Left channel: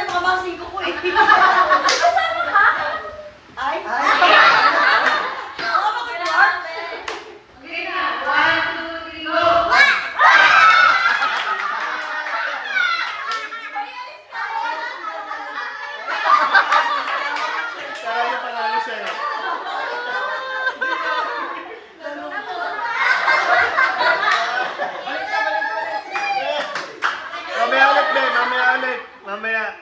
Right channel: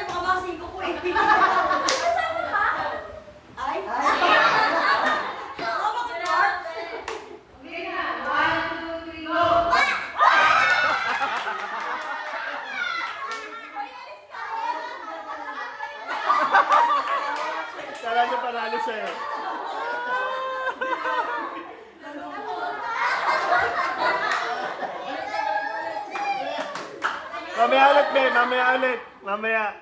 niya makabang 5 ko eh. Kasama ka? Ay? Oo, bakit Mark? Okay na. 1, 2, 3, go! Kaya niya panalo siya eh. Mamaya ulit, be. Mamaya ulit. Mamaya.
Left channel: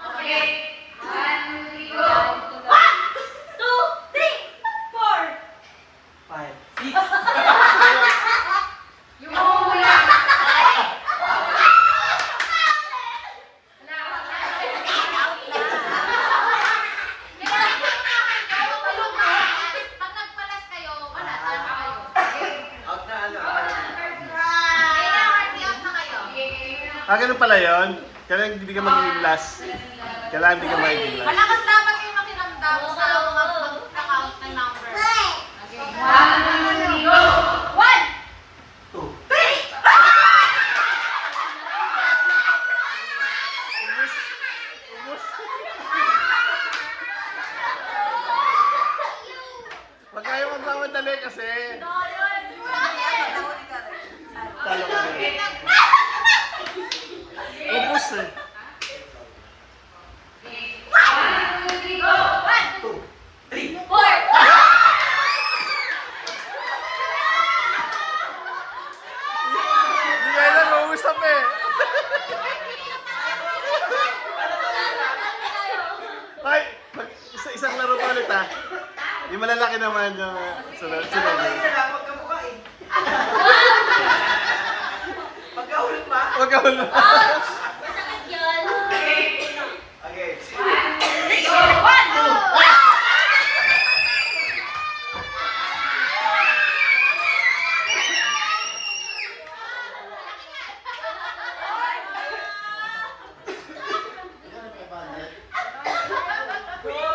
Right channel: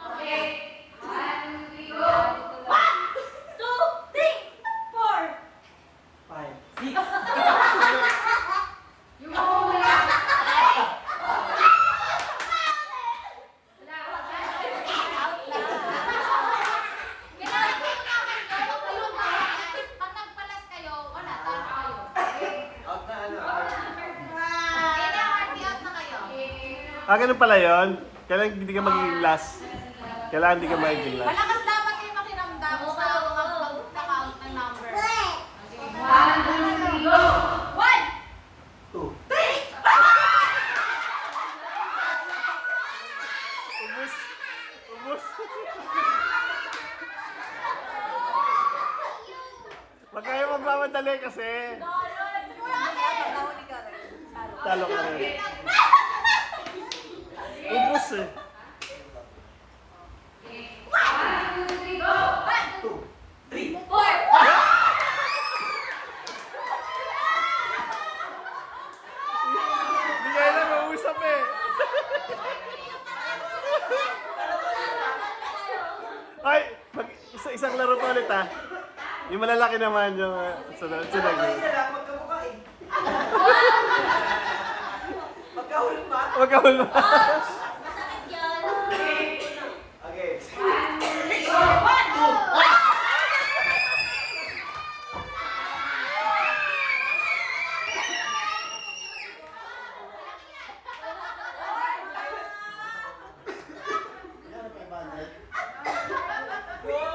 Okay. 1, 2, 3, go! 1, 2, 3, 4. 5, 6. Yung hula. Pag nagpalas kayo, wala. Talo kayo. Okay? Out na ano. Kailangan i-out na kayo. Ah, ganun pala yun? Kailangan hindi ka magiging last. Kailangan hindi ka magiging last. Malakas dapat kayo makiramdam sa mga pag-count ng number. Okay. 1, 2, 3, go! 1, 2. Ubus. Ubus. Huwag kayo magmamadali kasi. Talo ka rin. Ubus eh. 1, 2, 3, go! 2, 3. 4. Hindi kayo na mausap eh. Ay, isang laro pa ulit ah. Yung malalaki naman yung sunod. Sunod. Magkamukha eh. Magkahulog ba? Huwag ka